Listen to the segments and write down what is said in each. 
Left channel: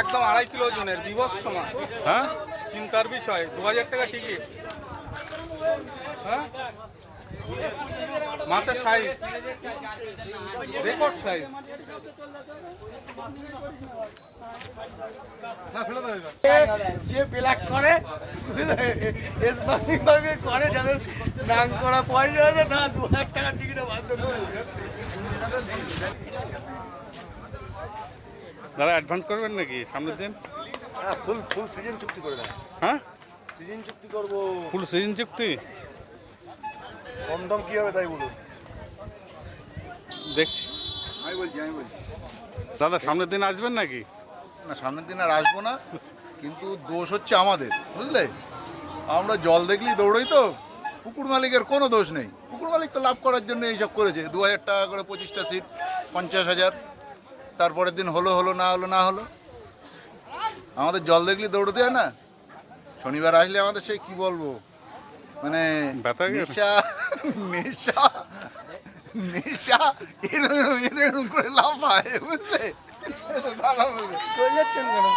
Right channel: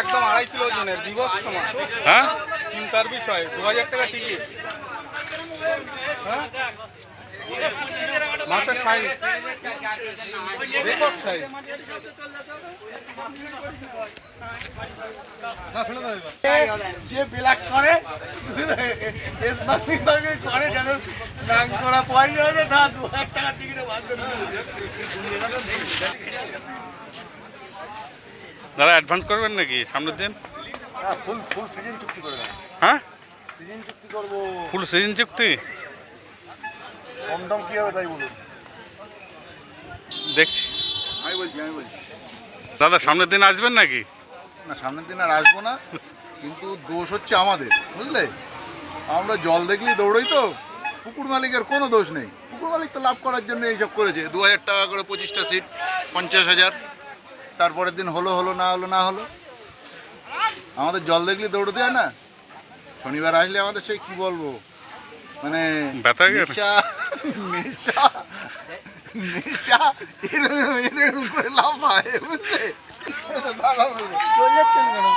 একদম আড়াই কিলো ওজনের বিবস সমান হ্যাঁ? চিন্তার বিষয় দু হাজার টাকা টিকিট হ্যাঁ? মাছের সাইজ রেকর্ড সাইজ যে ব্ল্যাক করে করে যেন নাম করা পয়সা হলে তা দু হাজার টাকা টিকিটে হবে। দাদা অ্যাডভান্স করবেন নাকি? সামনের দিন? ফুল ফুল সিজন চুক্তি করবে হ্যাঁ? সিজন চুক্তি করব। ফুল সিজন চুক্তি? কম দাম কি হবে তাই বলুন। দেখছি। আমি বলছি আমি বলছি। দাদা সামনের দিন আসবেন নাকি? না সামনের দিন আর আসব না কিন্তু দোষ হচ্ছে আমাদের বুঝলে? আমরা জল দেখলি দৌড়ই তো পুকুর মালিকের কোনো দোষ নেই। পুকুর মালিক তো লাভ করার জন্য এইসব করেছে দু হাজার টাকা করে পঁচিশটা সিট পঞ্চাশ হাজার। তারপরের দিন হলো হলো না হলো না হলো। আমাদের জল দেখলে দৌড় হয় না? শনিবার আসলে আমাদের সেই কি বলব? মানে? নেশা নেশা নেশা এরকম এরকম করে বুঝলে?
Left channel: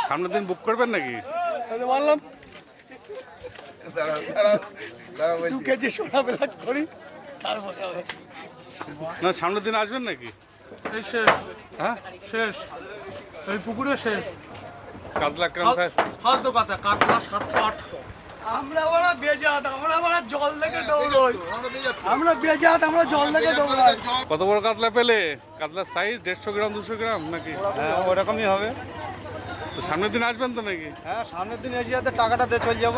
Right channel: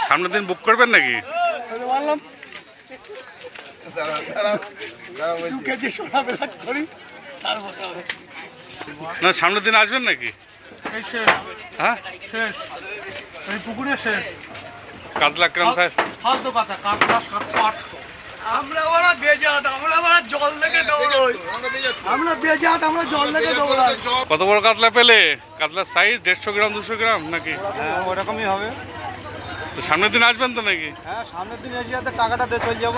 সামনের দিন বুক করবেন নাকি? বললাম না সামনের দিন আসবেন নাকি? এই শেষ। হ্যাঁ? শেষ। এই পুকুরে শেষ। কাতলা ক্রাম সাইজ ফালতু কথা কাতলা সাতশো আটশো। আমরা ওরা বেজাত আমরা ওরা জল দেখে দৌড়ই। আমরা বেজাত আমরা জল দেখে দৌড়াই। কত বড় কাতলা পেলে? কাতলার সাইজ দেড়শো গ্রাম দুশো গ্রাম নাকি? হ্যাঁ ওরকমই হবে। তো সামনের দিন আসবেন তো নাকি? হ্যাঁ সামনের দিন এসে যাতে টাকাটা দিয়ে চলে যাব।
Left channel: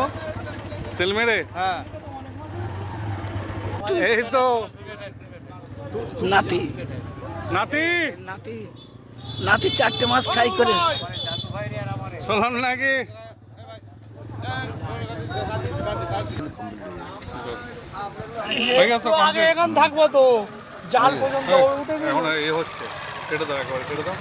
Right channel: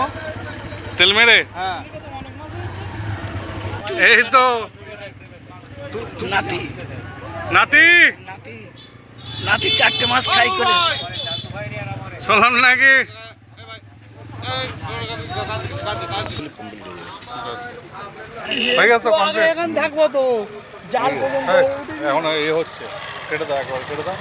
তেল মেরে? হ্যাঁ। এই তো নাতি। নাতি? নাতি। নাতি চারটে মাস খাই করে। শুনলাম নাকি? হয়ে গেছে কমপ্লিট এখন থাকব তো। জাল পর্যন্ত এখন এ হচ্ছে। কেটে দাও একবার কেটে দাও।